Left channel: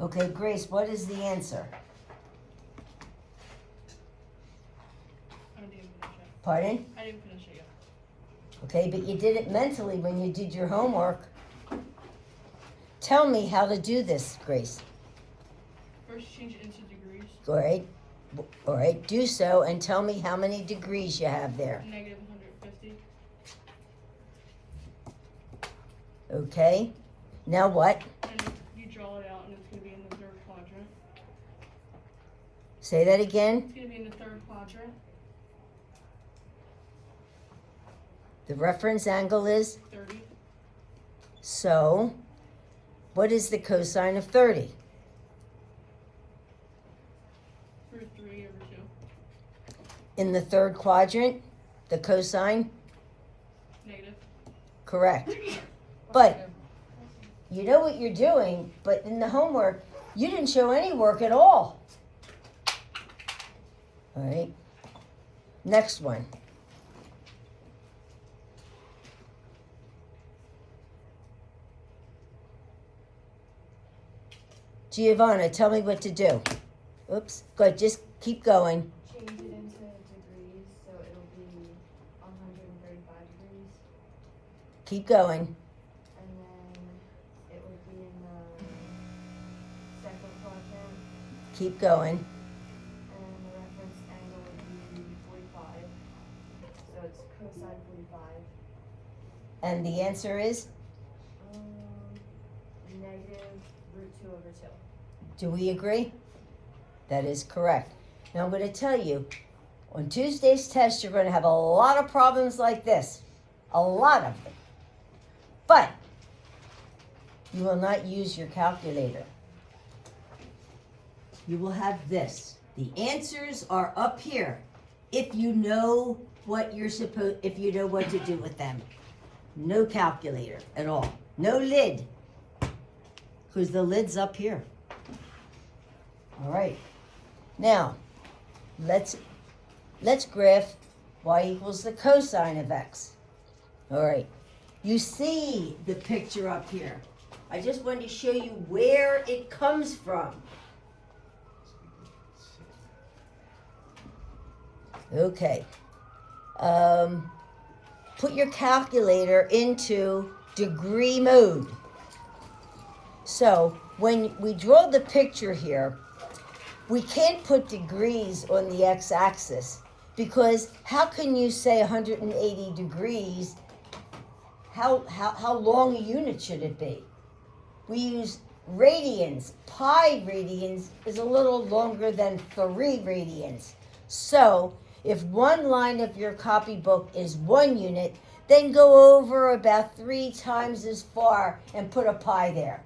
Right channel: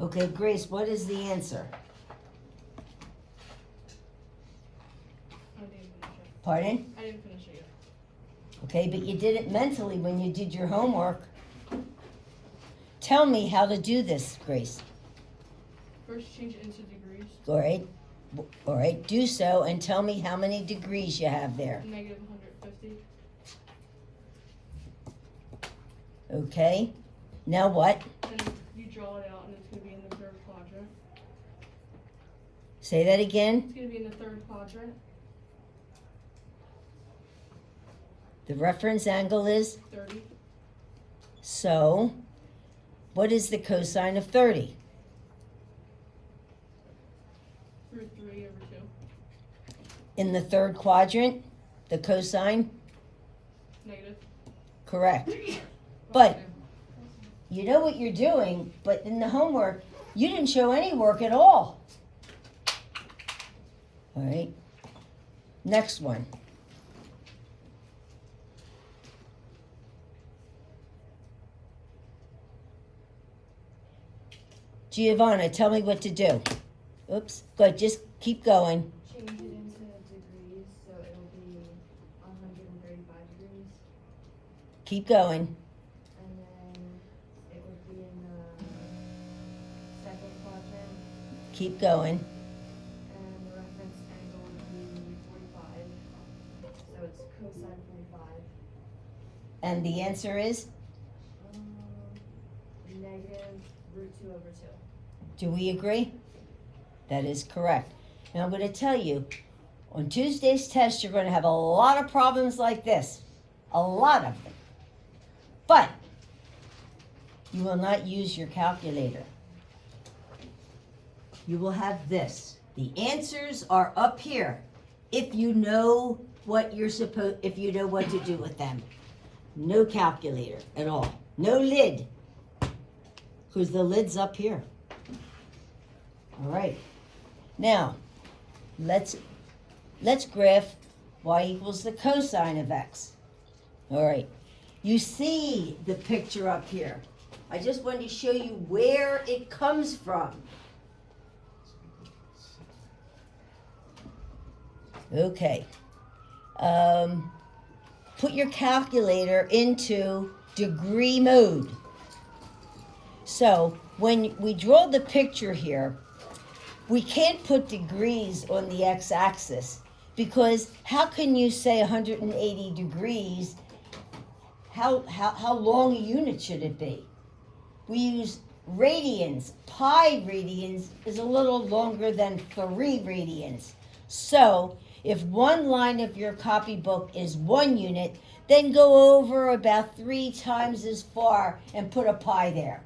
Okay, Grace, what is the answer? I didn't finish it. Pardon? I didn't finish it yet. Okay, but you did it mentally when you did your homework. Tell me how to do this, Grace. First, change it into degrees. All right, do so and tell me how many degrees you have there. Negative 150. Okay, now what? And you draw it out, and it's going to be in the third quadrant. Say that again. It's going to be in the third quadrant. The reference angle is? 30. So, what is the cosine of 30? Root 3 over 2. In the third quadrant, the cosine? Negative. Correct. But you know what you're doing, but in the homework, you didn't show any work at all. All right. Next one. Giovanna, tell me what to do. Oops. Good. Just keep going. Change it into degrees, so it'll be 135 degrees. Keep going. And then it would be in the second quadrant, Keep going. and the reference angle would be 45. So it's cosine 45. And the answer is? Negative root 2 over 2. Do we agree? That is correct. Now I'm going to tell you, on Tuesday's test, you're going to have a lot of problems like this. A lot of them. But you will not use your calculator. You will have this. The answers are up here if you know what if you know what to do with them. No calculator at all. No lid. Because the lid's up here. All right. Now, let's graph y equals the cosine of x. All right. You see the picture up here. I just wanted to show you where it comes from. Okay. Put your calculator into degree mode. So when we draw the picture here, we can't put degrees on the x-axis because how can you say 180 degrees? How long a unit should it be? We use radians. Pi radians is a little longer than 3 radians. So if one line of your copybook is 1 unit, then go over about 3 times as far and put a pi there.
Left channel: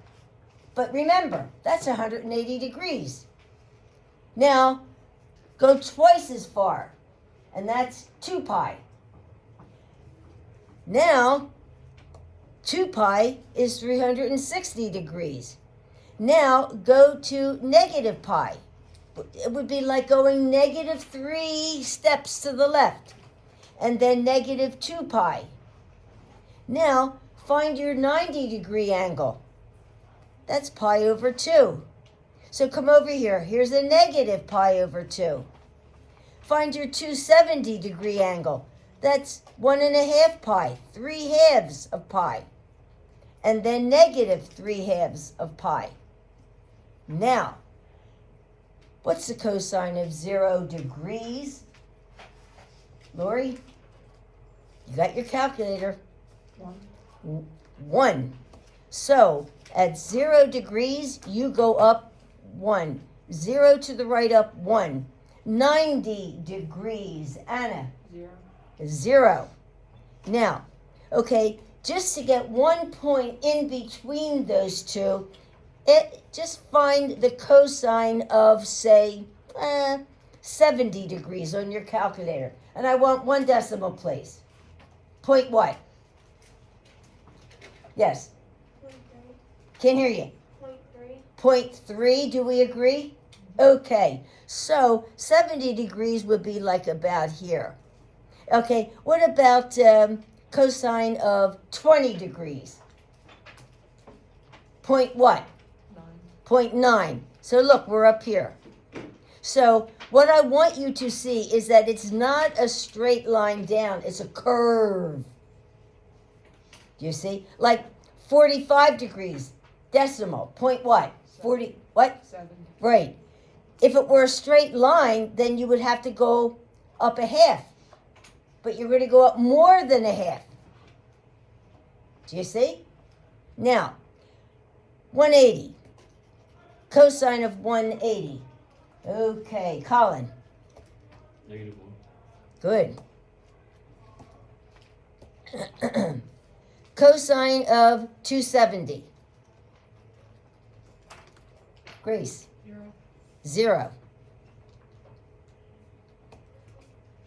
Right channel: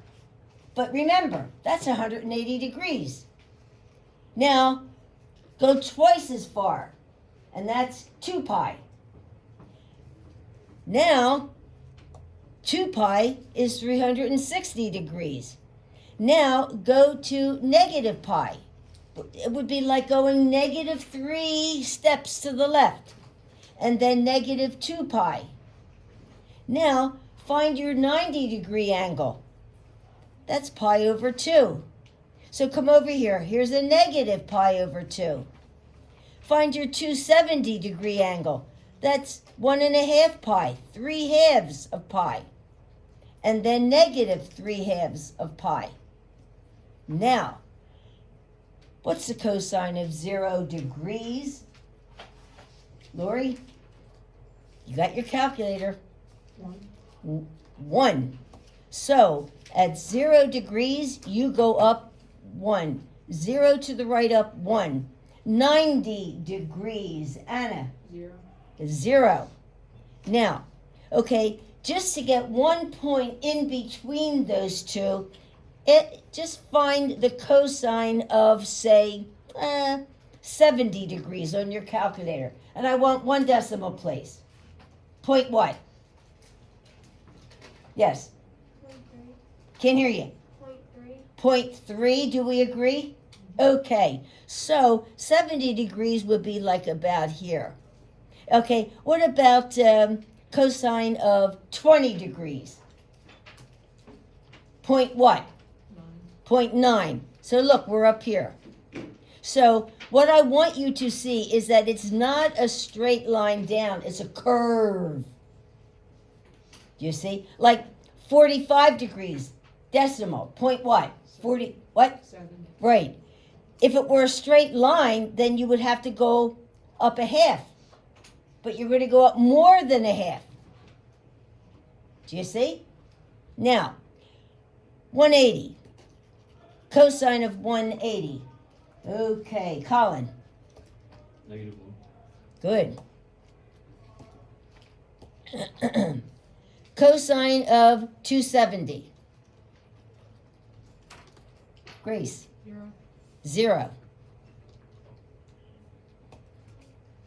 But remember, that's 180 degrees. Now, go twice as far, and that's 2 pi. Now, 2 pi is 360 degrees. Now, go to negative pi. It would be like going negative 3 steps to the left, and then negative 2 pi. Now, find your 90 degree angle. That's pi over 2. So come over here. Here's a negative pi over 2. Find your 270 degree angle. That's 1.5 pi, 3 halves of pi. And then negative 3 halves of pi. Now, what's the cosine of 0 degrees? Lori, you got your calculator. 1. So, at 0 degrees, you go up 1. 0 to the right up 1. 90 degrees, Anna. 0. Now, okay, just to get 1 point in between those two, just find the cosine of, say, 70 degrees on your calculator. And I want 1 decimal place. Point what? Yes. Can't hear you. 0.3, do we agree? Okay, so 70 degrees would be like about here. Okay, what about cosine of 20 degrees? Point what? 0.9. So look, we're up here. So what I want you to see is that it's not a straight line down, it's a curve. Do you see? Like 45 degrees, decimal, point what? 40, what? 7. Right. If it were a straight line, then you would have to go up a half. But you're going to go up more than a half. Do you see? Now, 180. Cosine of 180. Okay, Colin. -1. Good. Cosine of 270. Grace. 0. 0.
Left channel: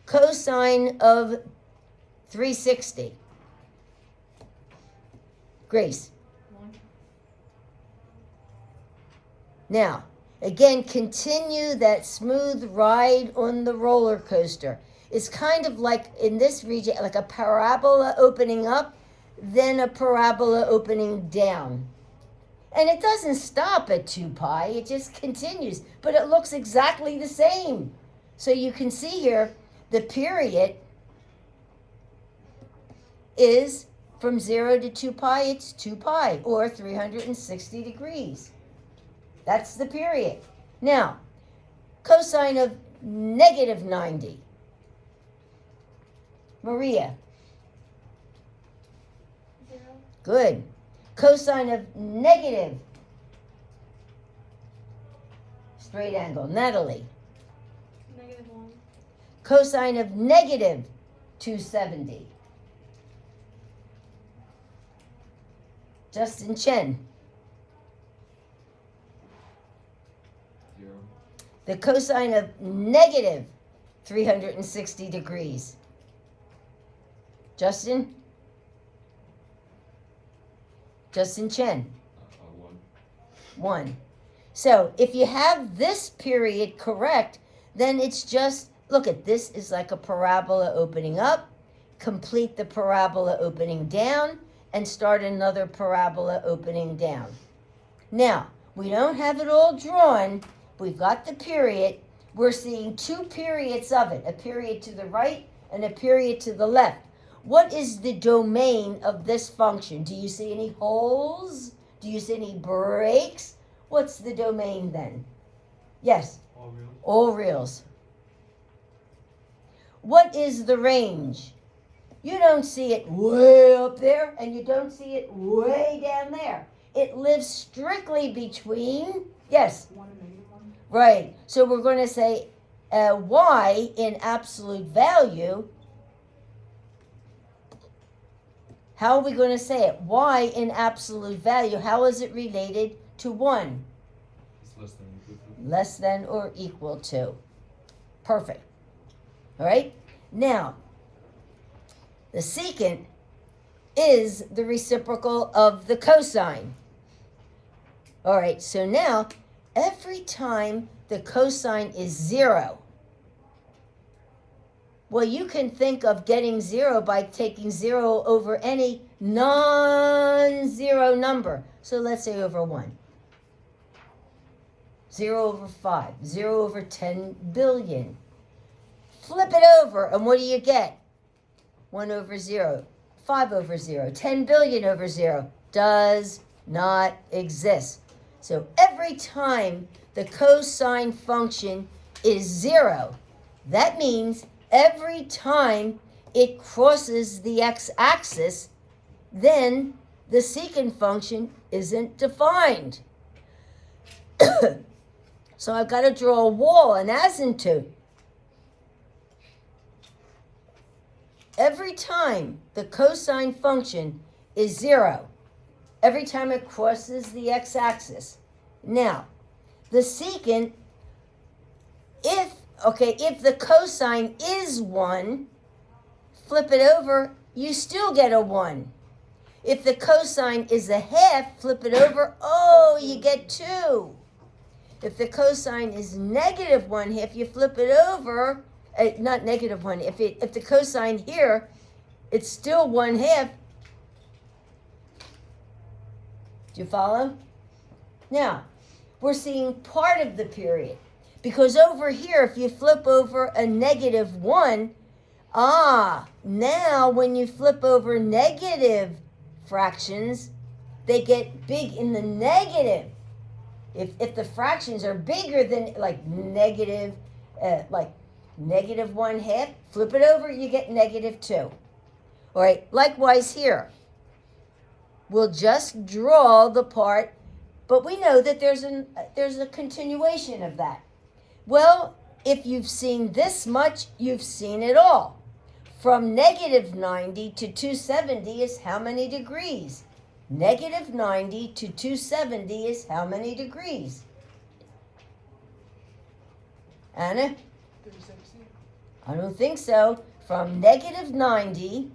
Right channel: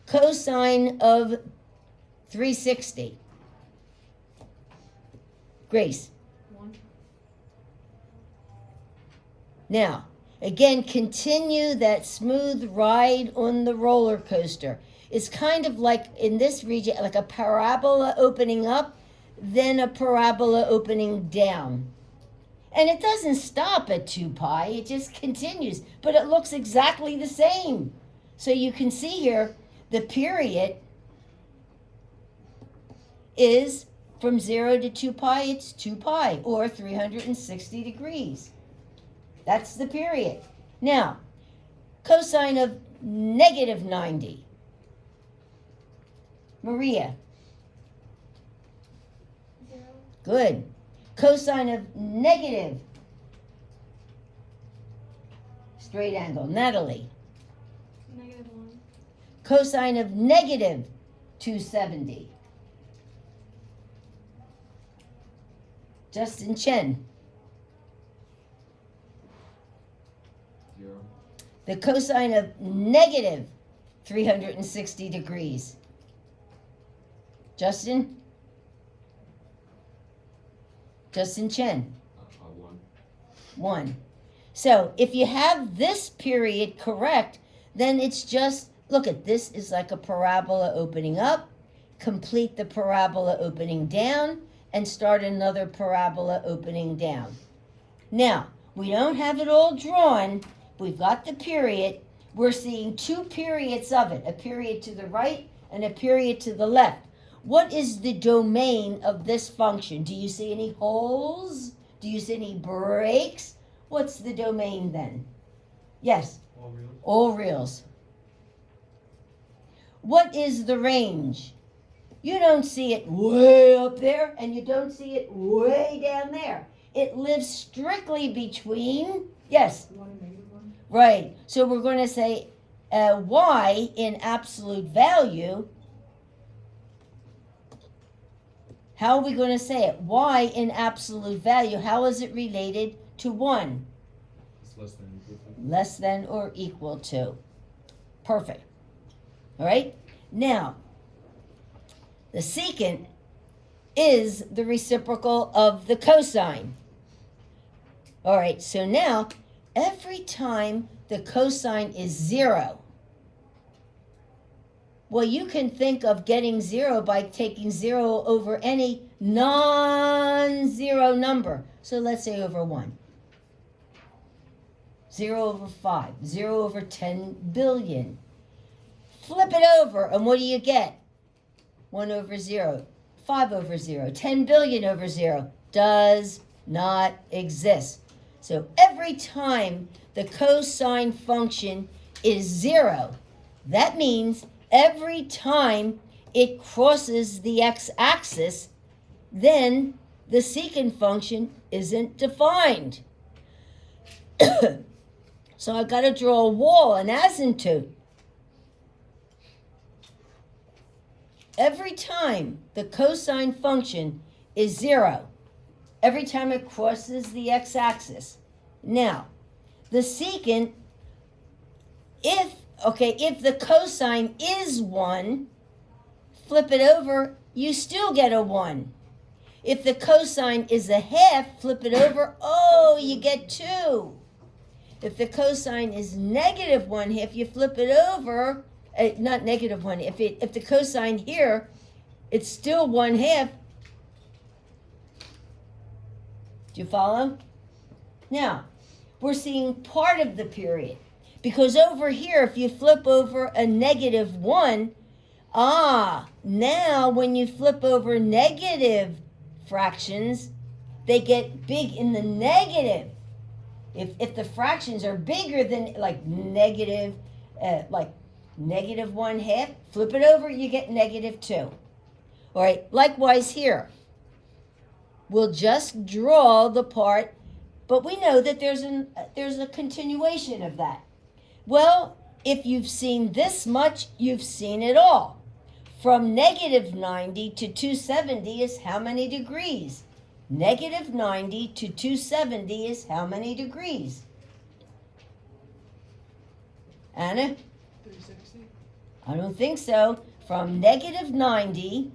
Cosine of 360. Grace. 1. Now, again, continue that smooth ride on the roller coaster. It's kind of like in this region, like a parabola opening up, then a parabola opening down. And it doesn't stop at 2 pi, it just continues, but it looks exactly the same. So you can see here, the period is from 0 to 2 pi, it's 2 pi, or 360 degrees. That's the period. Now, cosine of -90. Maria. 0. Good. Cosine of negative. Straight angle. Natalie. -1. Cosine of negative 270. Justin Chen. 0. The cosine of negative 360 degrees. Justin? Justin Chen. 1. 1. So if you have this period correct, then it's just, look at this is like a parabola opening up, complete the parabola opening down, and start another parabola opening down. Now, we don't have it all drawn. We've got the period. We're seeing 2 periods of it, a period to the right and a period to the left. What is the domain of this function? Do you see any holes? Do you see any breaks? What's the domain then? Yes, All real. all reals. What is the range? You don't see it way up there, and you don't see it way down there. It lives strictly between, yes, 1 and -1. right. So we're going to say y in absolute value. How are we going to say it? Y in absolute value, how is it related to 1? It's less than or equal to. Less than or equal to. Perfect. All right? Now, the secant is the reciprocal of the cosine. All right, so now every time the cosine is 0, well, you can think of getting 0 by taking 0 over any non-zero number. So let's say over 1. 0 over 5, 0 over 10 billion. Flip it over, and what do you get? 1 over 0, 5 over 0, 10 billion over 0 does not exist. So every time the cosine function is 0, that means every time it crosses the x-axis, then the secant function isn't defined. So I've got to draw a wall, an asymptote. Every time the cosine function is 0, every time it crosses the x-axis. Now, the secant, if the cosine is 1, flip it over, you still get a 1. If the cosine is a half, flip it over, oh, you get 2. If the cosine is -1/2, you flip it over, not -1. If the cosine here, it's still 1/2. Do you follow? Now, we're seeing part of the period. Because over here, if you flip over a negative 1, now when you flip over negative fractions, they get big in the negative. If the fractions are bigger than like negative 1/2, flip it over, you get negative 2. All right, likewise here. We'll just draw the part, but we know that there's a continuation of that. Well, if you've seen this much, you've seen it all. From negative 90 to 270 is how many degrees? Negative 90 to 270 is how many degrees? Anna? 360. I don't think so. From negative 90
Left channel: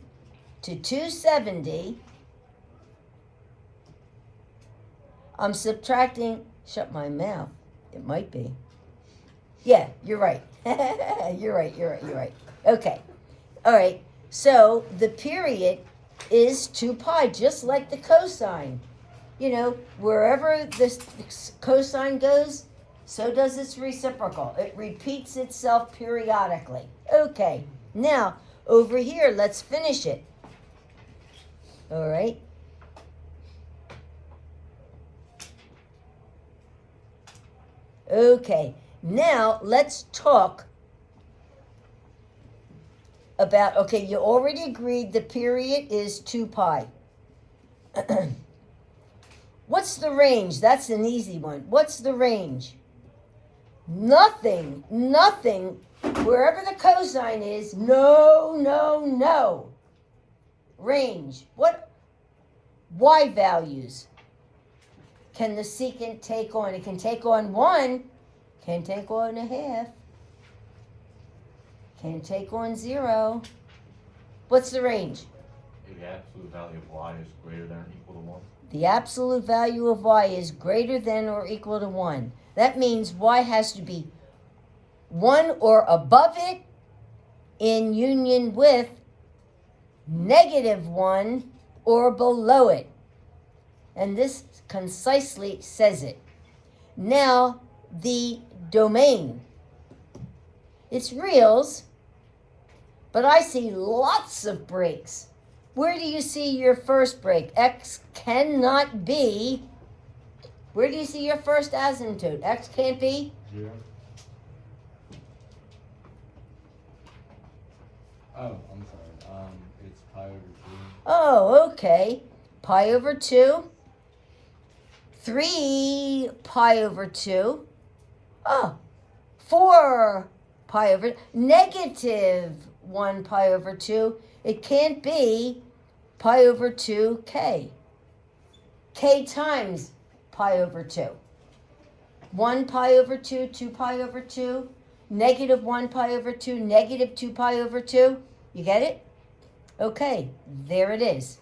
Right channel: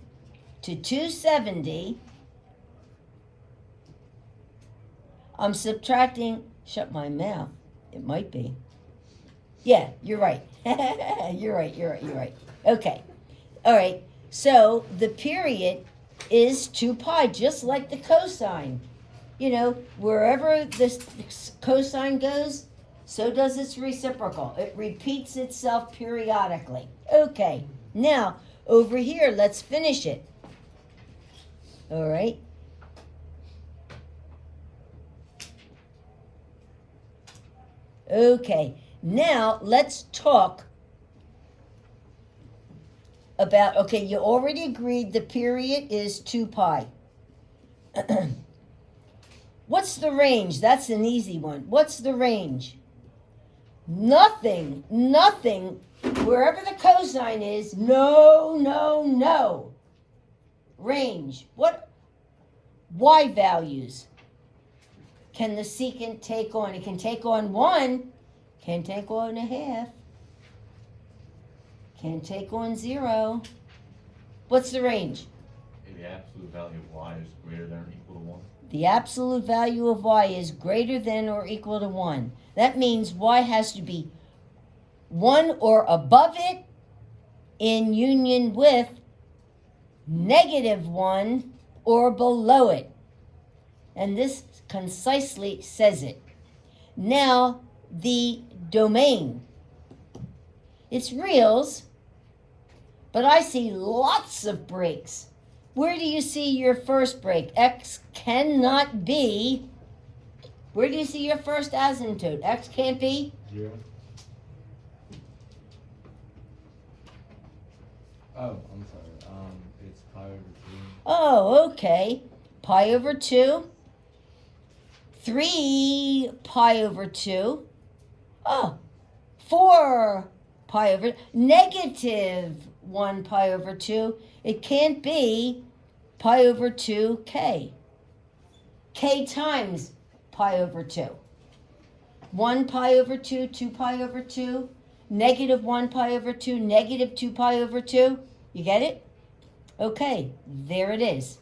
to 270, I'm subtracting, shut my mouth. It might be. Yeah, you're right. You're right. Okay. All right. So the period is 2 pi, just like the cosine. You know, wherever this cosine goes, so does its reciprocal. It repeats itself periodically. Okay. Now, over here, let's finish it. All right. Okay. Now, let's talk about, okay, you already agreed the period is 2 pi. What's the range? That's an easy one. What's the range? Nothing. Wherever the cosine is, no. Range. What y values can the secant take on? It can take on 1, can take on 1/2, can take on 0. What's the range? If the absolute value of y is greater than or equal to 1. The absolute value of y is greater than or equal to 1. That means y has to be 1 or above it in union with negative 1 or below it. And this concisely says it. Now, the domain. It's reals, but I see lots of breaks. Where do you see your first break? X cannot be. Where do you see your first asymptote? X can't be? 0. Oh, I'm sorry. It's pi over 2. Oh, okay. Pi over 2. 3 pi over 2. Oh, 4 pi over, negative 1 pi over 2. It can't be pi over 2k. K times pi over 2. 1 pi over 2, 2 pi over 2, negative 1 pi over 2, negative 2 pi over 2. You get it? Okay, there it is.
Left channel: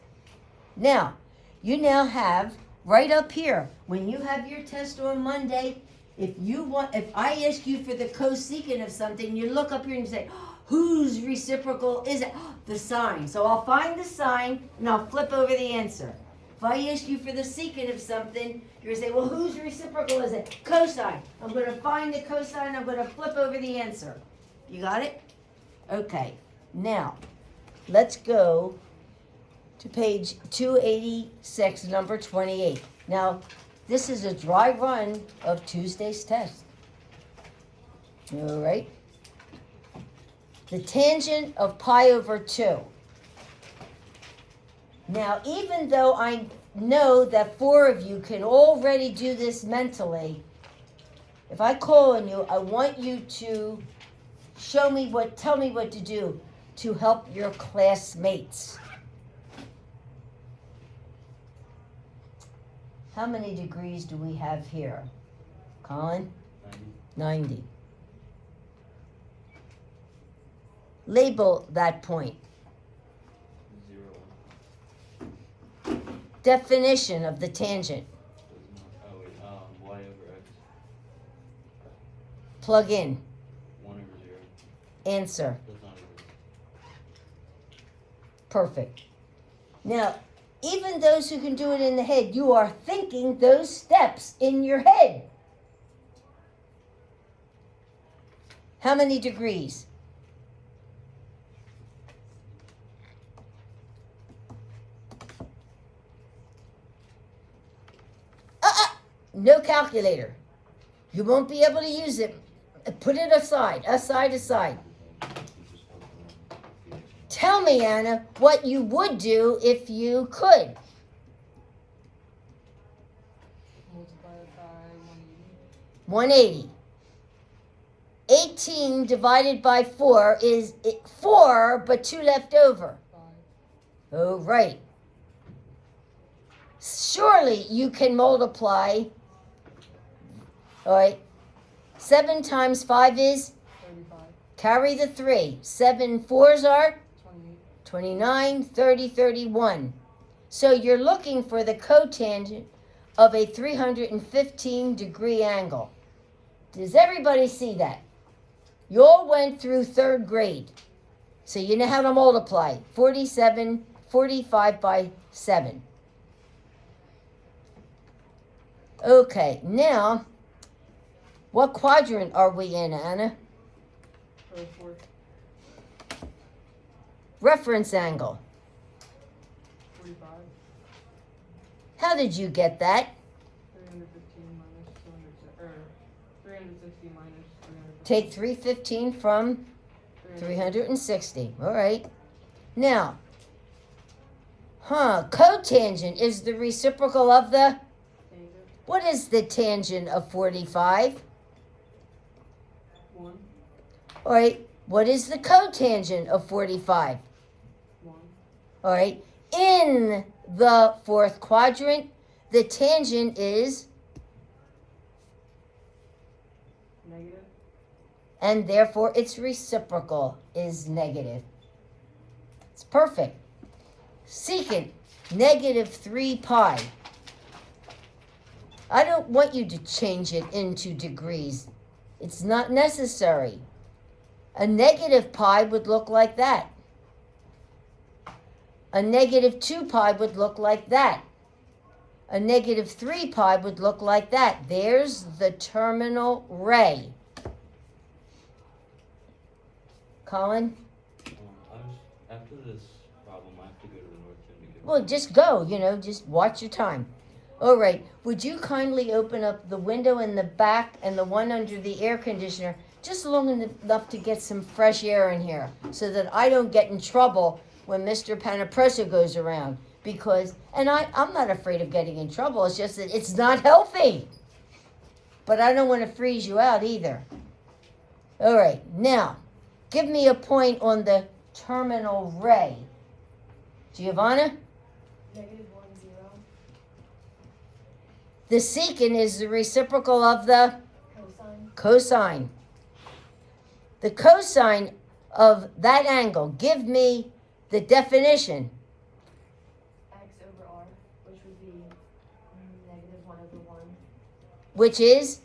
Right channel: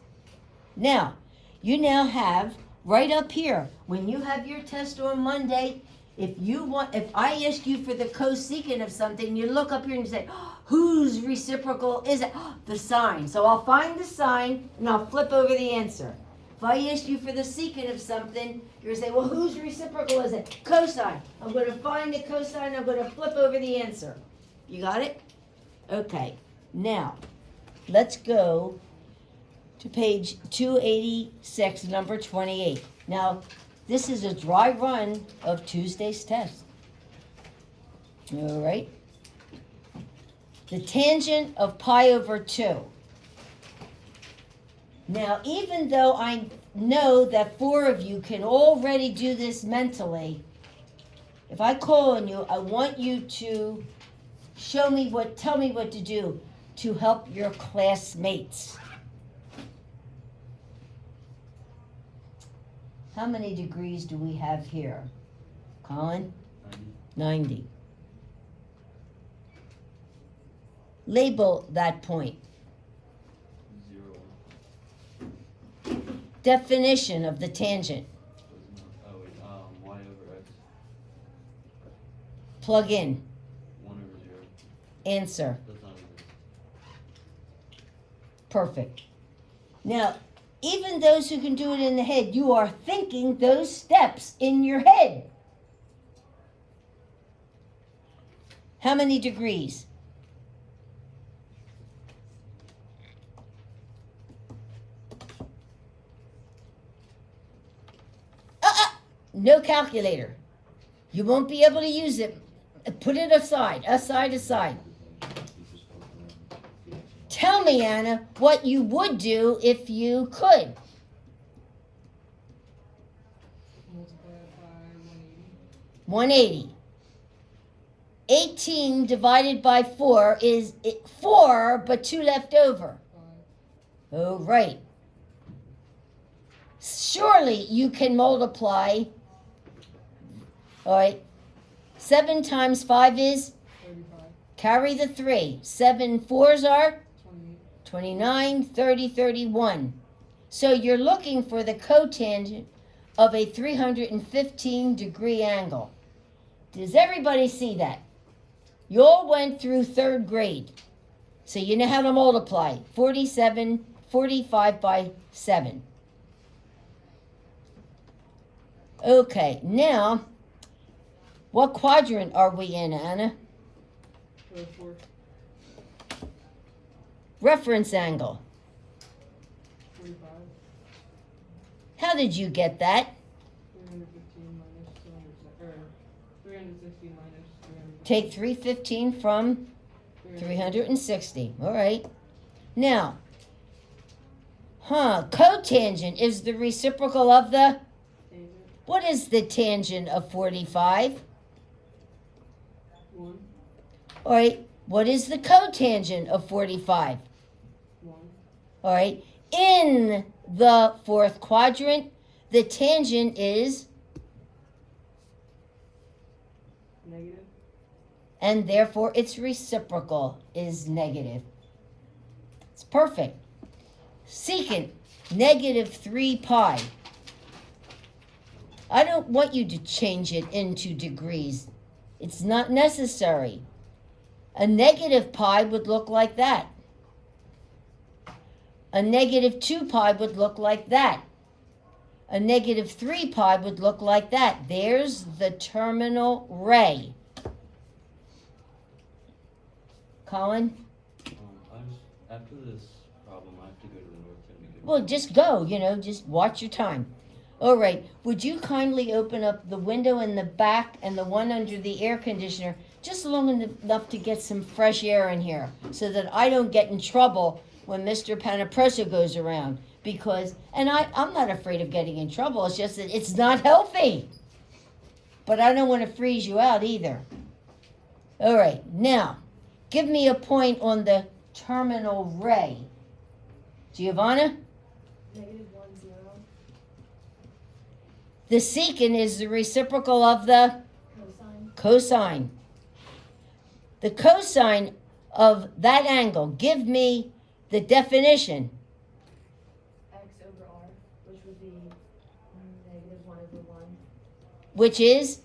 Now, you now have right up here, when you have your test on Monday, if I ask you for the cosecant of something, you look up here and you say, whose reciprocal is it? The sine. So I'll find the sine and I'll flip over the answer. If I ask you for the secant of something, you're going to say, well, whose reciprocal is it? Cosine. I'm going to find the cosine, I'm going to flip over the answer. You got it? Okay. Now, let's go to page 286, number 28. Now, this is a dry run of Tuesday's test. All right? The tangent of pi over 2. Now, even though I know that 4 of you can already do this mentally, if I call on you, I want you to tell me what to do to help your classmates. How many degrees do we have here? Colin? 90. Label that point. 0. Definition of the tangent. Oh, wait. Y over x. Plug in. 1 over 0. Answer. Does not exist. Perfect. Now, even those who can do it in the head, you are thinking those steps in your head. How many degrees? No calculator. You won't be able to use it. Put it aside. Tell me, Anna, what you would do if you could. Multiply it by 180. 180. 18 divided by 4 is 4, but 2 left over. Oh, right. Surely you can multiply. All right. 7 times 5 is? 35. Carry the 3. 7 4s are? 28. 29, 30, 31. So you're looking for the cotangent of a 315 degree angle. Does everybody see that? You all went through 3rd grade. So you know how to multiply. 45 by 7. Okay, now, what quadrant are we in, Anna? 4. Reference angle. 45. How did you get that? 315 minus 200, or 360 minus 300. Take 315 from 360. All right. Now, cotangent is the reciprocal of the, what is the tangent of 45? 1. All right. What is the cotangent of 45? 1. All right. In the 4th quadrant, the tangent is, Negative. and therefore its reciprocal is negative. It's perfect. Secant, negative 3 pi. I don't want you to change it into degrees. It's not necessary. A negative pi would look like that. A negative 2 pi would look like that. A negative 3 pi would look like that. There's the terminal ray. Colin? After this problem, I have to go to the North End again. Well, just go, just watch your time. All right, would you kindly open up the window in the back and the one under the air conditioner just long enough to get some fresh air in here so that I don't get in trouble when Mr. Panaprosa goes around? Because, and I'm not afraid of getting in trouble, it's just that it's not healthy. But I don't want to freeze you out either. All right, now, give me a point on the terminal ray. Giovanna? Negative 1, 0. The secant is the reciprocal of the Cosine. cosine. The cosine of that angle, give me the definition. X over R, which would be negative 1 over 1. Which is?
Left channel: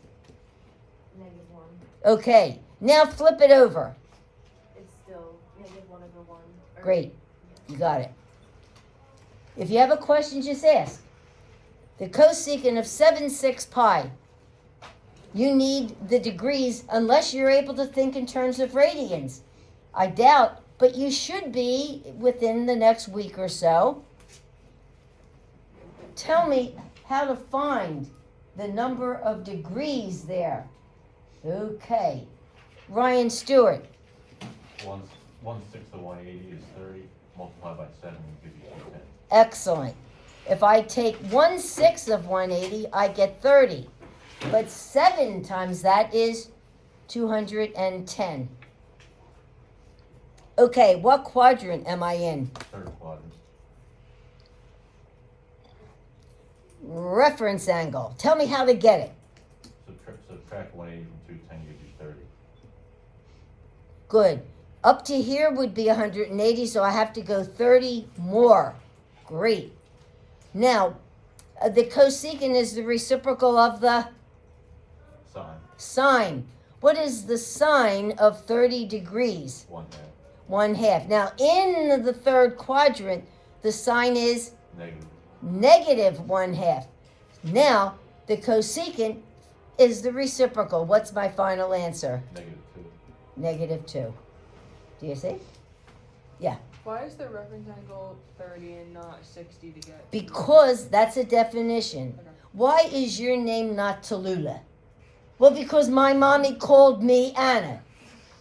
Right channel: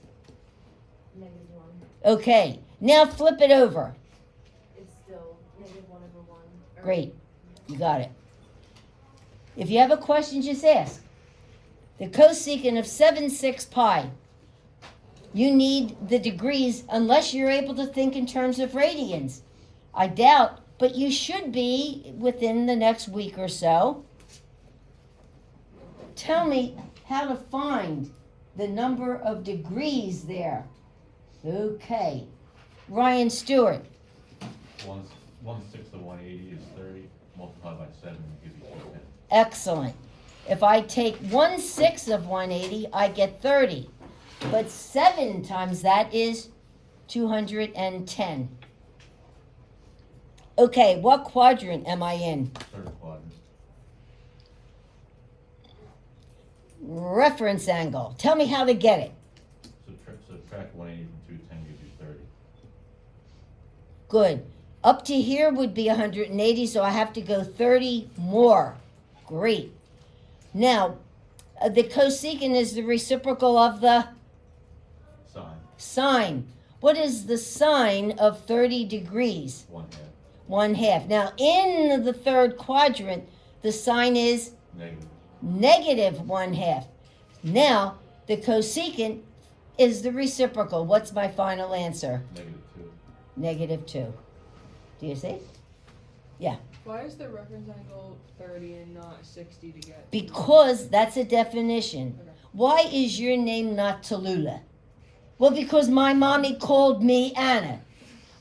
Negative 1. Okay, now flip it over. It's still negative 1 over 1. Or- Great, you got it. If you have a question, just ask. The cosecant of 7/6 pi. You need the degrees unless you're able to think in terms of radians. I doubt, but you should be within the next week or so. Tell me how to find the number of degrees there. Okay. Ryan Stewart. 1/6 of 180 is 30, multiplied by 7 will give you 210. Excellent. If I take 1/6 of 180, I get 30. But 7 times that is 210. Okay, what quadrant am I in? 3rd quadrant. Reference angle. Tell me how to get it. Subtract 180 from 210 gives you 30. Good. Up to here would be 180, so I have to go 30 more. Great. Now, the cosecant is the reciprocal of the Sine, sine. What is the sine of 30 degrees? 1/2. 1/2. Now, in the 3rd quadrant, the sine is Negative. negative 1/2. Now, the cosecant is the reciprocal. What's my final answer? -2. -2. Do you see? Why is the reference angle 30 and not 60 to get? Because that's a definition. Okay. Why is your name not Tallulah? Well, because my mommy called me Anna.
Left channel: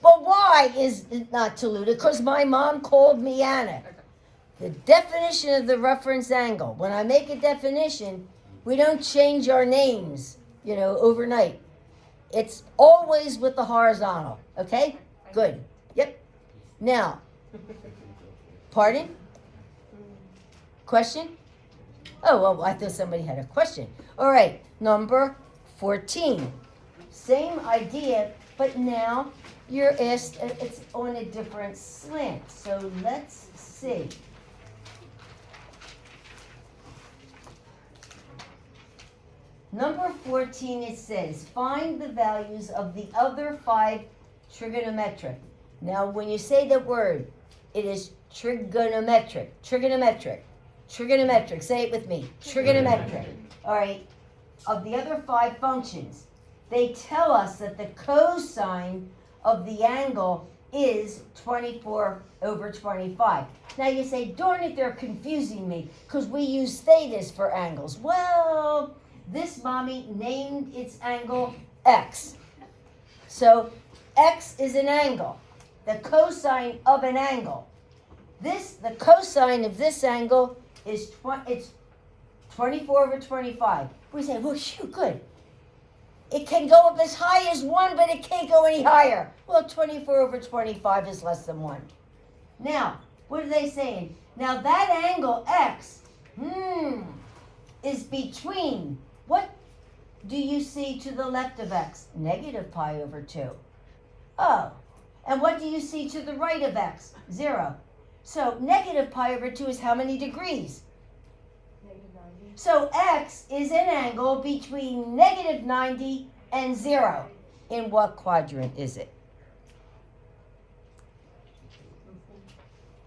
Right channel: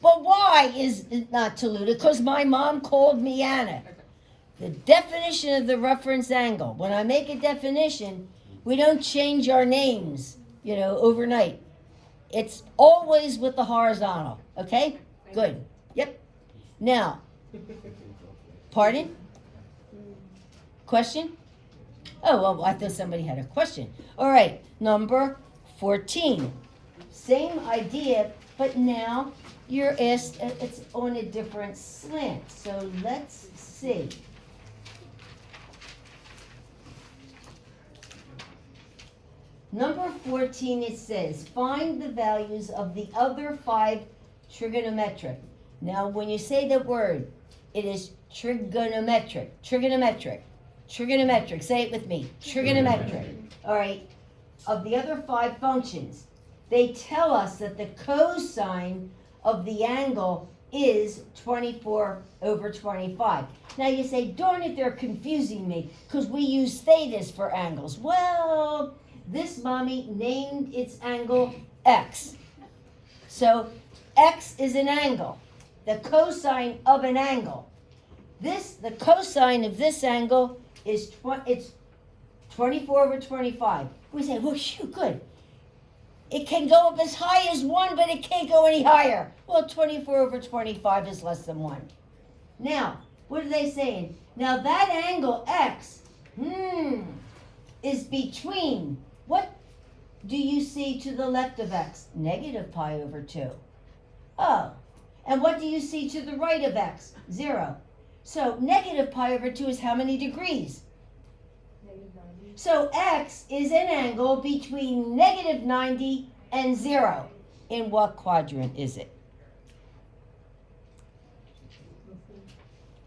Well, why is it not Tallulah? Because my mom called me Anna. Okay. The definition of the reference angle. When I make a definition, we don't change our names, overnight. It's always with the horizontal. Okay? Good. Yep. Now, pardon? Question? Oh, well, I thought somebody had a question. All right, number 14. Same idea, but now you're asked, it's on a different slant. So let's see. Number 14, it says, find the values of the other 5 trigonometric. Now, when you say the word, it is trigonometric. Say it with me. Trigonometric. All right. Of the other 5 functions, they tell us that the cosine of the angle is 24/25. Now you say, darn it, they're confusing me because we use thetas for angles. Well, this mommy named its angle X. So X is an angle, the cosine of an angle. The cosine of this angle is it's 24/25. We say, well, shoot, good. It can go up as high as 1, but it can't go any higher. Well, 24/25 is less than 1. Now, what are they saying? Now that angle X, is between, what do you see to the left of X? -pi/2. Oh, and what do you see to the right of X? 0. So -pi/2 is how many degrees? -90. So X is an angle between -90 and 0. In what quadrant is it?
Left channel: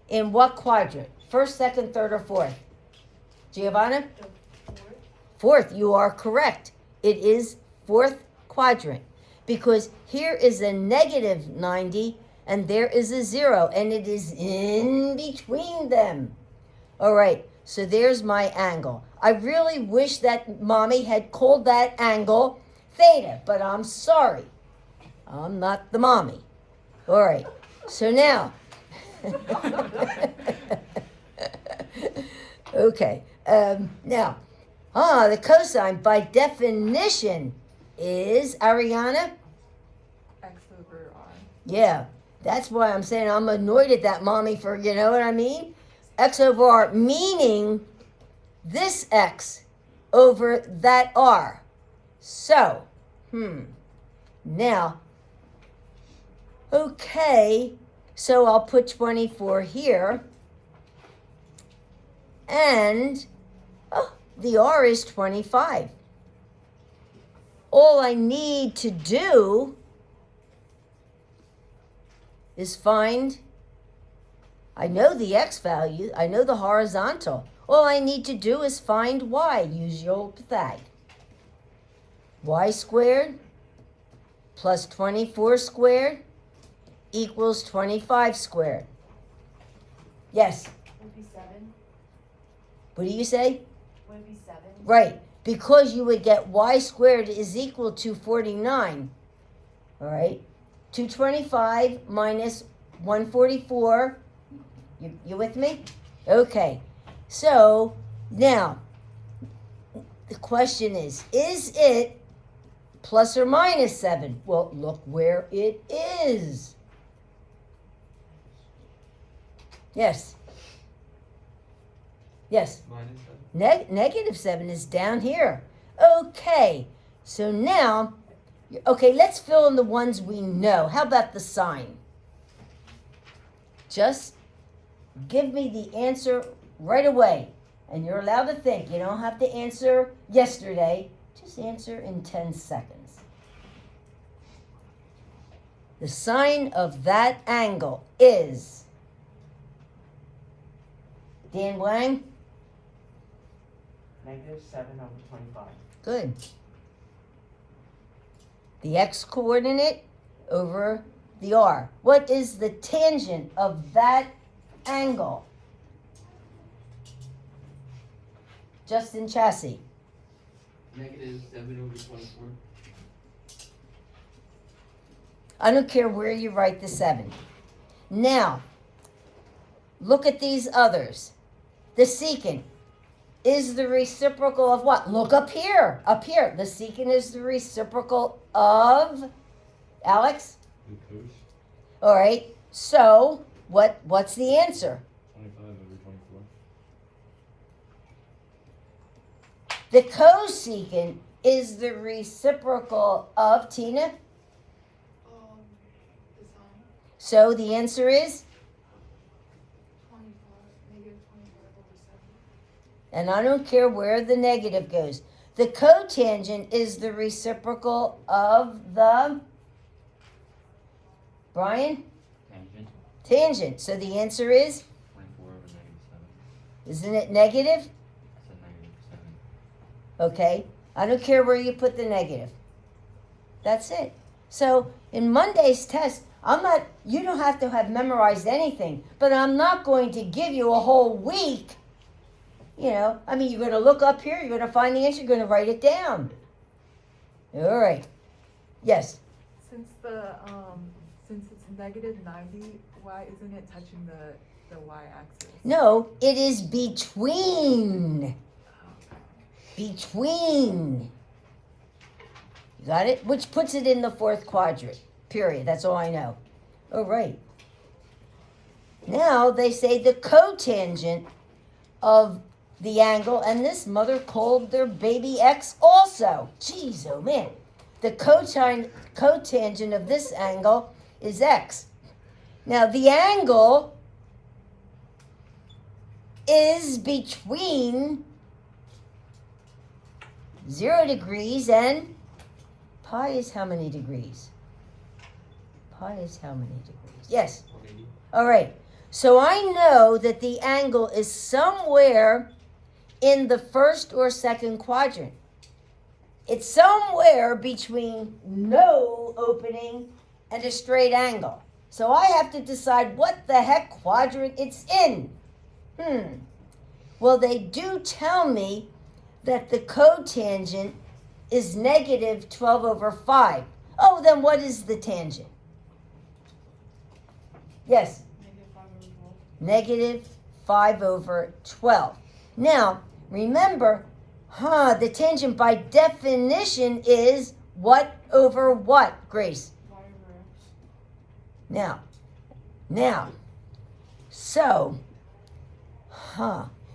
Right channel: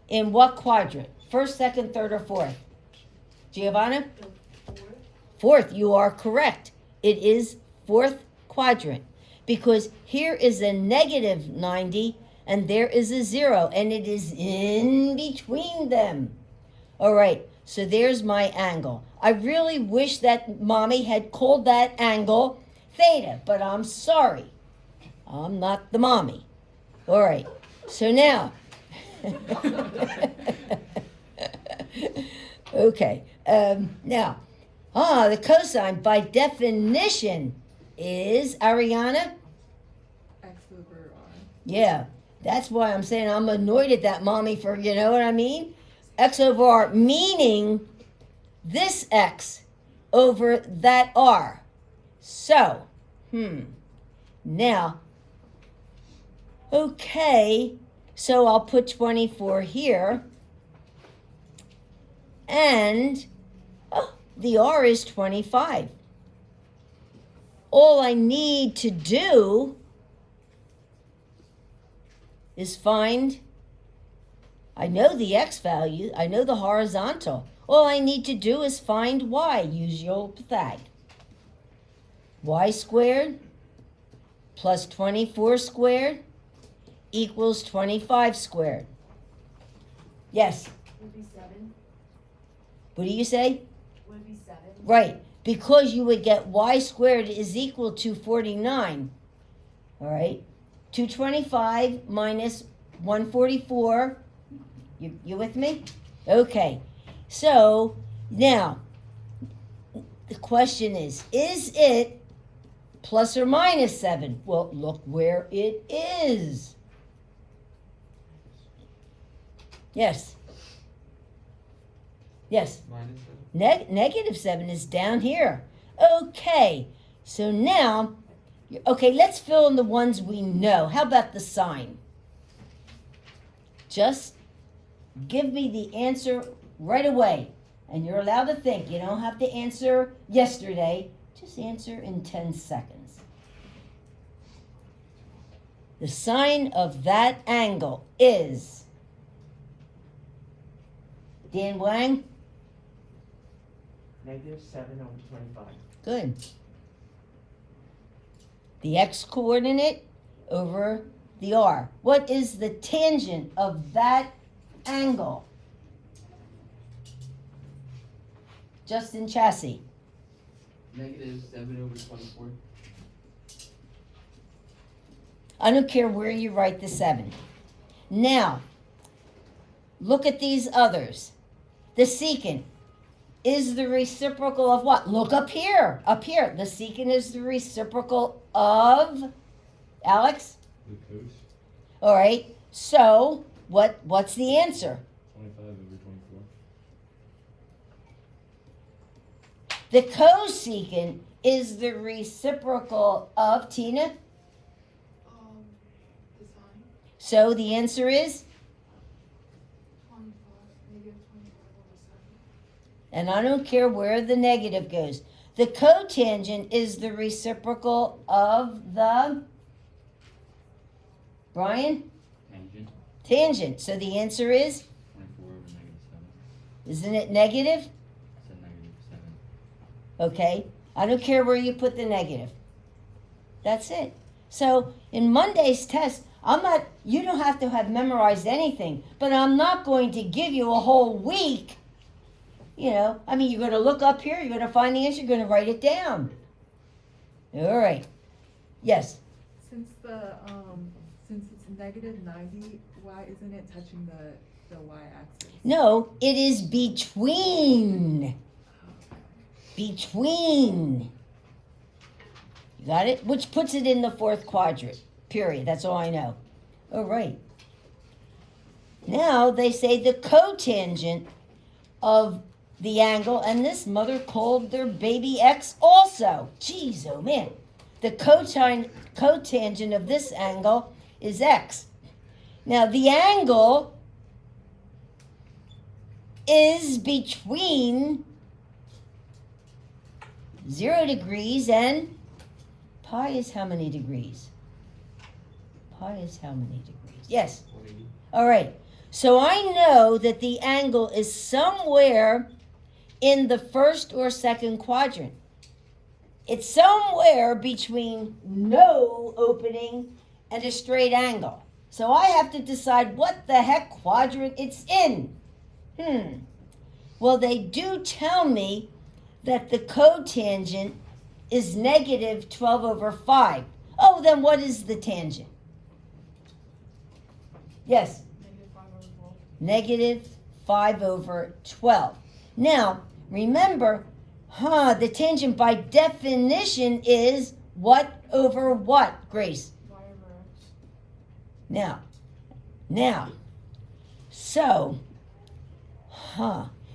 In what quadrant? First, second, third, or fourth? Giovanna? Fourth, you are correct. It is fourth quadrant. Because here is a -90 and there is a 0, and it is in between them. All right, so there's my angle. I really wish that mommy had called that angle theta, but I'm sorry. I'm not the mommy. All right, so now. Okay, now, the cosine by definition is, Ariana? X over R. Yeah, that's why I'm saying I'm annoyed at that mommy for, you know what I mean? X over R, meaning this X over that R. So, now, okay, so I'll put 24 here. And, the R is 25. All I need to do is find, I know the X value, I know the horizontal. All I need to do is find Y, use your old Pythag. Y squared plus 24 squared equals 25 squared. Yes, Would be 7. what do you say? Would be 7. Right, because you would get Y squared is equal to 49. All right, 225 minus 144. You with me? Okay, so now the question is it plus or minus 7? Well, look where it is. Yes. Yes. -7 is down here. Okay, so now, okay, let's fill in the ones we know. How about the sign? Just give me the answer right away. And you're allowed to think. You don't have to answer yesterday. Just answer in 10 seconds. The sign of that angle is, Dan Wang? -7/25. Good. The x coordinate over the R. What is the tangent of that angle? Justin Chassis. Negative 7/24. I don't care where you write the 7. Now, look at these others. The secant is the reciprocal of what? Look up here. Up here. The secant is the reciprocal of Alex? The cos. All right. So, what's the answer? 25/24. The cosecant is the reciprocal of Tina. The sign, So the answer is, 25, negative 25/7. and I don't care where the negative goes. The cotangent is the reciprocal of the, Brian? Tangent. Tangent. So the answer is, 24/7. isn't it negative? It's a -7. Okay. I don't care where you put the negative. That's it. So in Monday's test, you don't have to have memorized anything, but I'm not going to give you a whole week. You're going to look up here, you're going to find the answer, you're going to write it down. All right. Yes. Since it's negative 90, why isn't it touching the y-axis? No, it is between. Between. You got it? Which puts it in the fourth quadrant. Period. That's all I know. All right. Now they say the cotangent of the angle, and this mother called their baby X also. Jeez, oh man. The cotangent of this angle is X. Now the angle is between 0 degrees and pi is how many degrees? Pi is how many degrees? Yes. 180. All right. So I know that the angle is somewhere in the first or second quadrant. It's somewhere between no opening and a straight angle. So I have to decide what the heck quadrant it's in. Well, they do tell me that the cotangent is negative 12/5. Oh, then what is the tangent? Yes. Negative -5/12. Now, remember, the tangent by definition is what over what, Grace? Y/X. Now, so,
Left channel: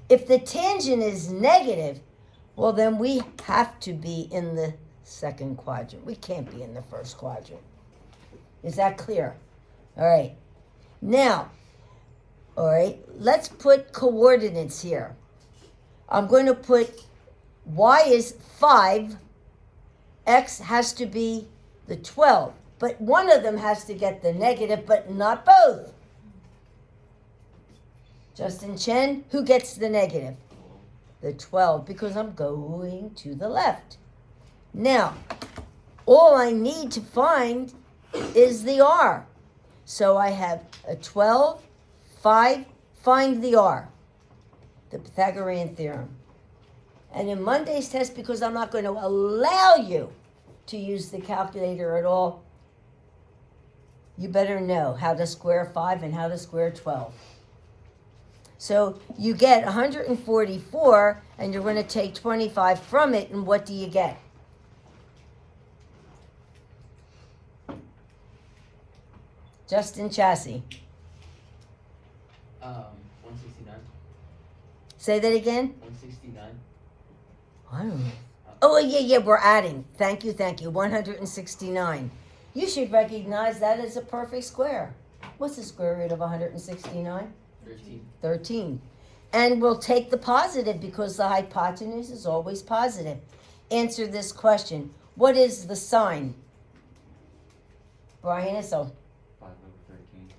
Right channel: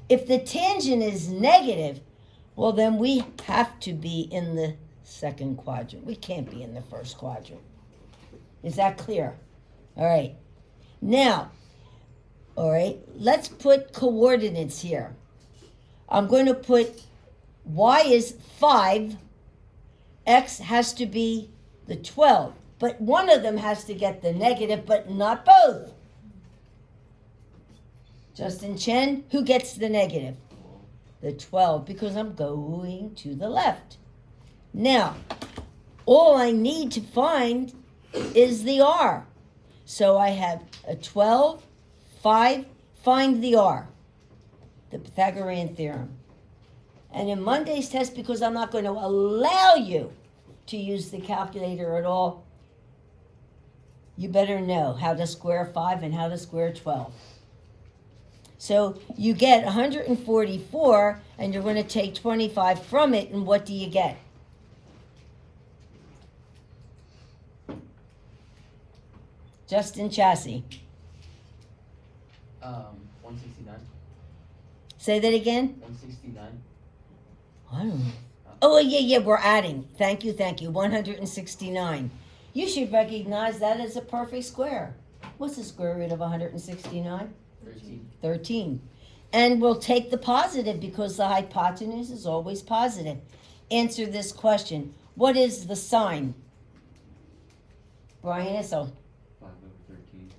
if the tangent is negative, well, then we have to be in the second quadrant. We can't be in the first quadrant. Is that clear? All right. Now, all right, let's put coordinates here. I'm going to put y is 5, x has to be the 12, but one of them has to get the negative, but not both. Justin Chen, who gets the negative? The 12, because I'm going to the left. Now, all I need to find is the r. So I have a 12, 5, find the r. The Pythagorean theorem. And in Monday's test, because I'm not going to allow you to use the calculator at all, you better know how to square 5 and how to square 12. So you get 144, and you're going to take 25 from it, and what do you get? Justin Chassis. 169. Say that again? 169. I don't know. Oh, yeah, we're adding. Thank you. 169. You should recognize that as a perfect square. What's the square root of 169? 13. 13. And we'll take the positive because the hypotenuse is always positive. Answer this question. What is the sine? Brian Issel. 5/13.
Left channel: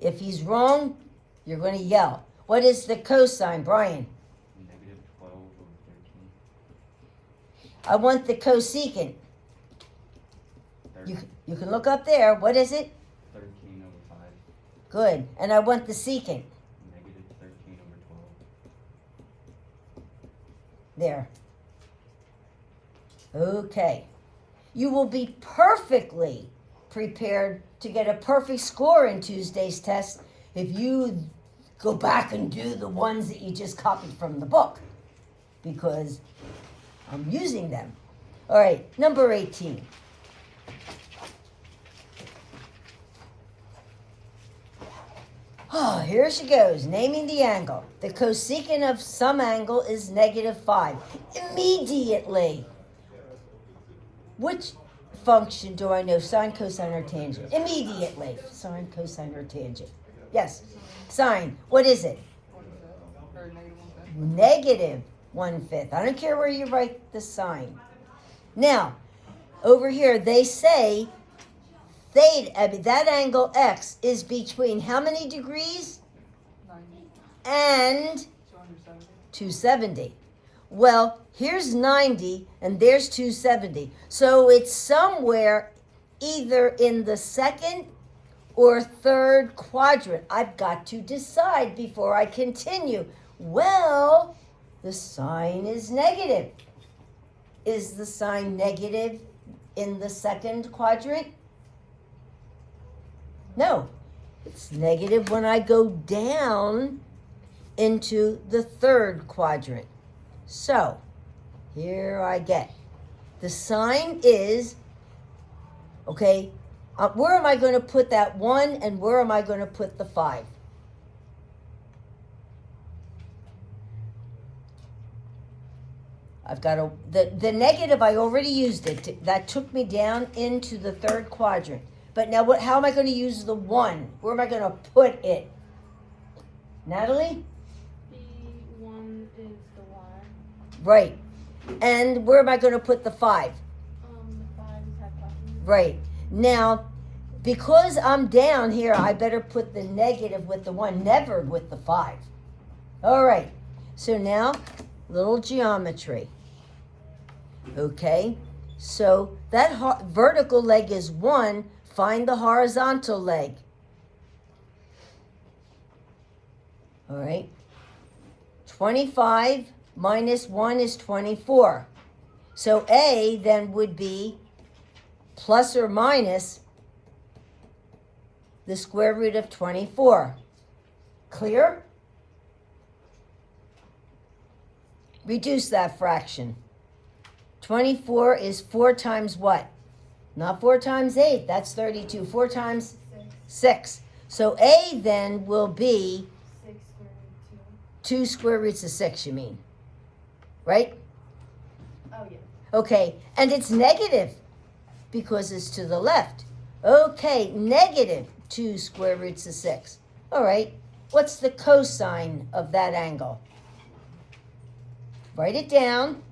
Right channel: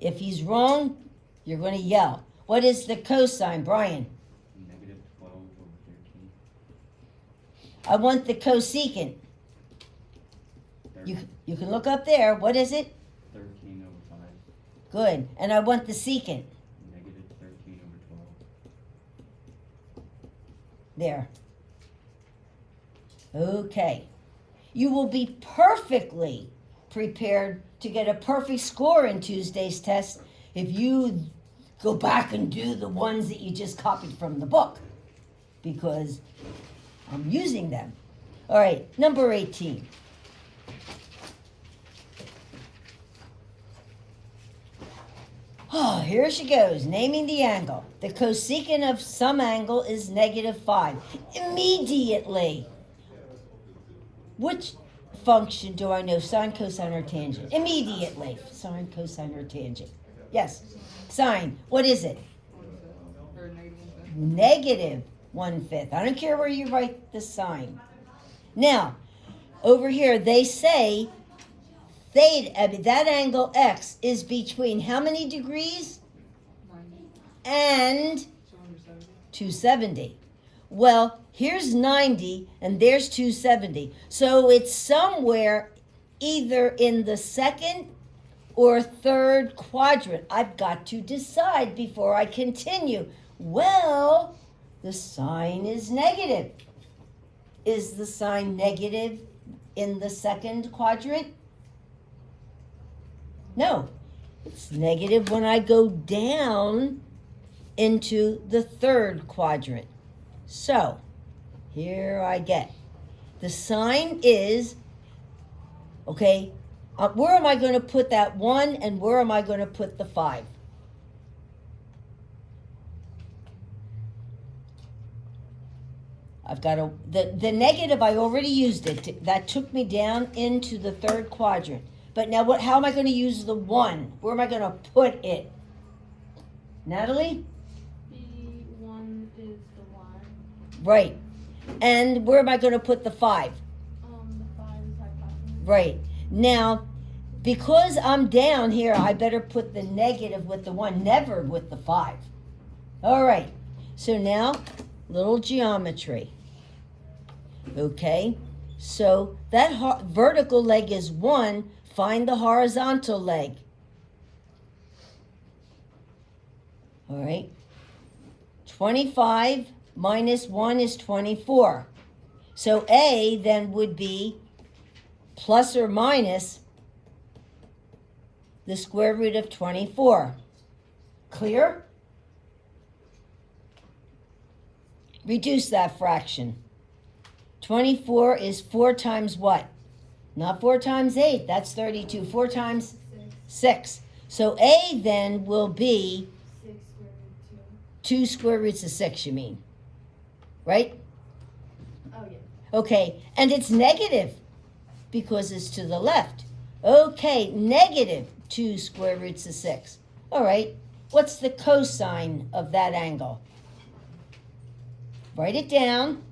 If he's wrong, you're going to yell. What is the cosine, Brian? Negative 12/13. I want the cosecant. 30/5. You can look up there. What is it? 13/5. Good. And I want the secant. Negative 13/12. There. Okay. You will be perfectly prepared to get a perfect score in Tuesday's test if you go back and do the ones that you just copied from the book, because I'm using them. All right, number 18. Oh, here she goes, naming the angle. The cosecant of some angle is -5. Immediately. Which function do I know? Sine, cosine, or tangent? Immediately. Sine, cosine, or tangent. Yes. Sine. What is it? Or negative 1/5. -1/5. I don't care where you write the sign. Now, over here, they say that angle X is between how many degrees? 90. And So under 70. 270. Well, here's 90 and there's 270. So it's somewhere either in the second or third quadrant. I've got to decide before I continue. Well, the sign is negative. Is the sign negative in the second quadrant? No. It's negative when I go down into the third quadrant. So, here I get. The sign is, okay, where am I going to put that 1 and where am I going to put the 5? I've got the negative, I already used it. That took me down into the third quadrant. But now how am I going to use the 1? Where am I going to put it? Natalie? The 1 is the Y. Right. And where am I going to put the 5? The 5 is hypotenuse. Right. Now, because I'm down here, I better put the negative with the 1, never with the 5. All right. So now, little geometry. Okay. So that vertical leg is 1. Find the horizontal leg. All right. 25 minus 1 is 24. So A then would be plus or minus the square root of 24. Clear? Reduce that fraction. 24 is 4 times what? Not 4 times 8, that's 32. 4 times 6. So A then will be 6 square root 2 square roots of 6, you mean? Right? 2. Oh, yeah. Okay, and it's negative because it's to the left. Okay, negative 2 square roots of 6. All right, what's the cosine of that angle? Write it down.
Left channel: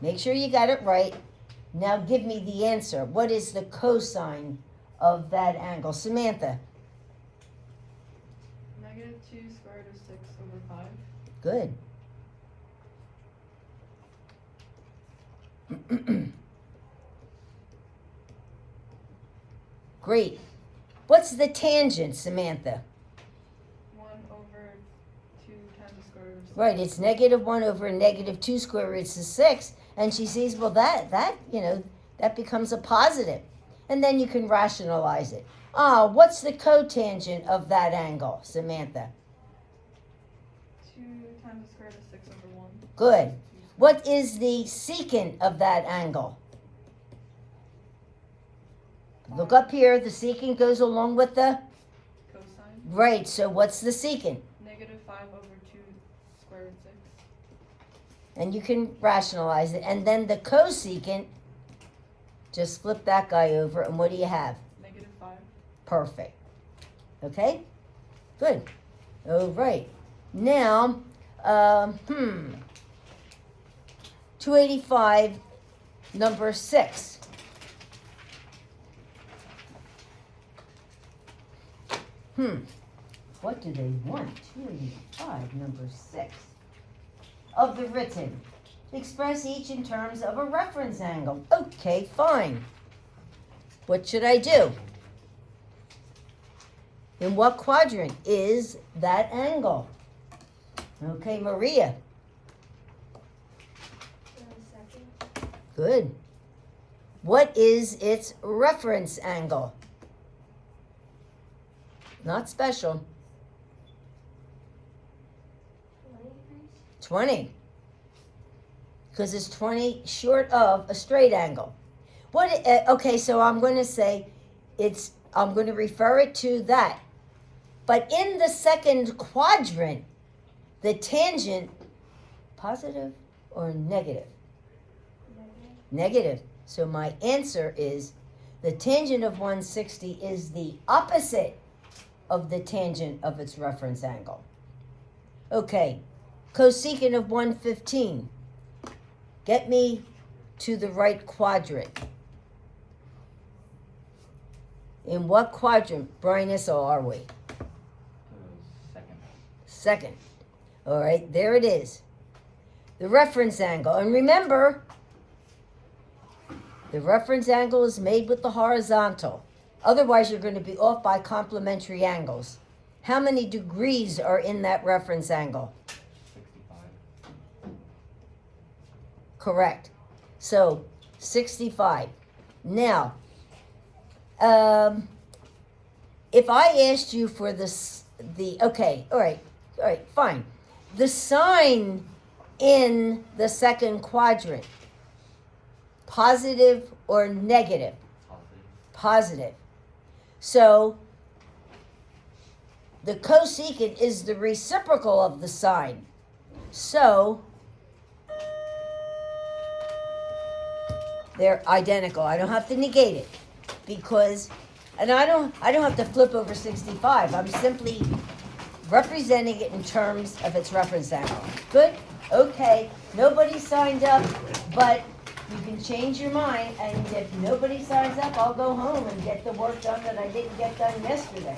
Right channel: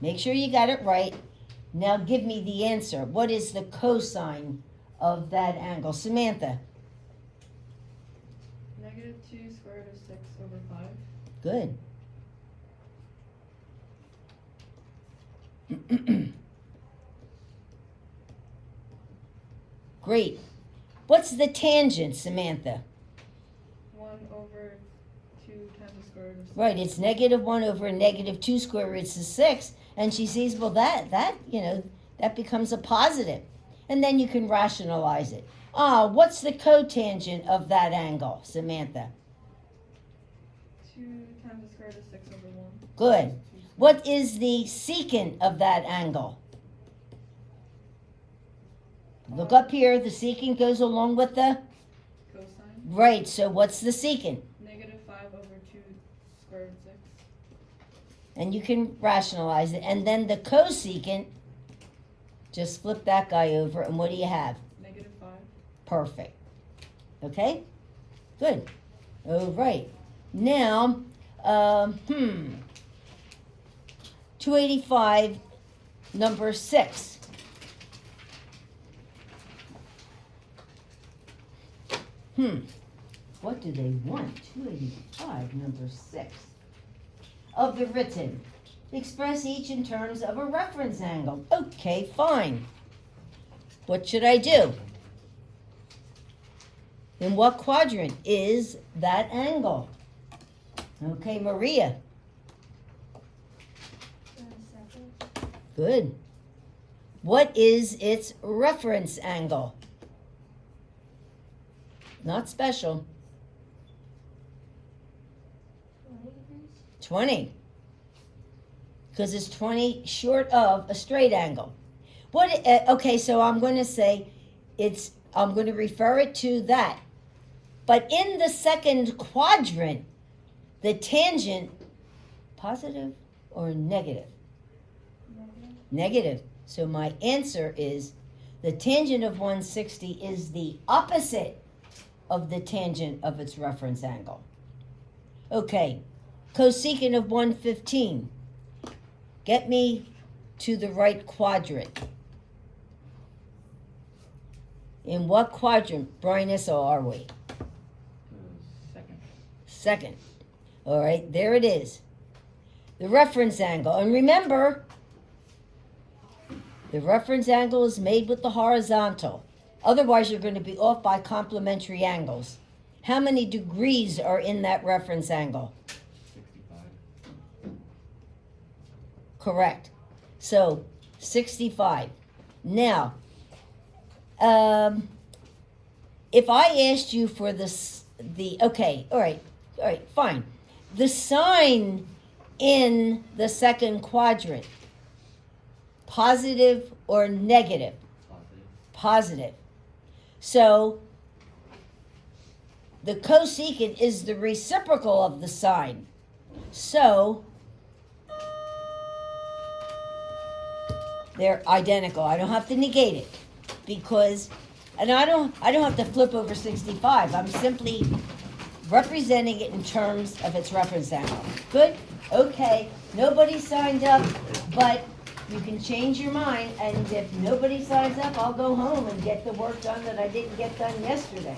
Make sure you got it right. Now give me the answer. What is the cosine of that angle? Samantha, Negative 2 square root of 6 over 5. good. Great. What's the tangent, Samantha? 1 over 2 times the square root of 6. Right, it's negative 1 over negative 2 square roots of 6. And she sees, well, that becomes a positive. And then you can rationalize it. What's the cotangent of that angle, Samantha? 2 times the square root of 6 over 1. Good. What is the secant of that angle? Look up here. The secant goes along with the... Cosine. Right, so what's the secant? Negative 5 over 2 square root of 6. And you can rationalize it. And then the cosecant, just flip that guy over, and what do you have? Negative 5. Perfect. Okay? Good. All right. Now, 285, number 6. What do they want? 285, number 6. Of the written. Express each in terms of a reference angle. Okay, fine. What should I do? In what quadrant is that angle? Okay, Maria. Second. Good. What is its reference angle? Not special. 20 degrees? 20. Because it's 20 short of a straight angle. Okay, so I'm going to say I'm going to refer it to that. But in the second quadrant, the tangent, positive or negative? Negative. So my answer is the tangent of 160 is the opposite of the tangent of its reference angle. Okay, cosecant of 115. Get me to the right quadrant. In what quadrant, Brian Issel, are we? Second. Second. All right, there it is. The reference angle. And remember, the reference angle is made with the horizontal. Otherwise, you're going to be off by complementary angles. How many degrees are in that reference angle? 65. Correct. So, 65. Now, if I asked you for okay, all right, fine. The sign in the second quadrant, positive or negative? Positive. Positive. So, the cosecant is the reciprocal of the sign. So, they're identical. I don't have to negate it because, and I don't have to flip over 65. I'm simply representing it in terms of its reference angle. Good? Okay. Nobody signed up, but you can change your mind, and if nobody signs up, I'll go home and get the work done that I didn't get done yesterday.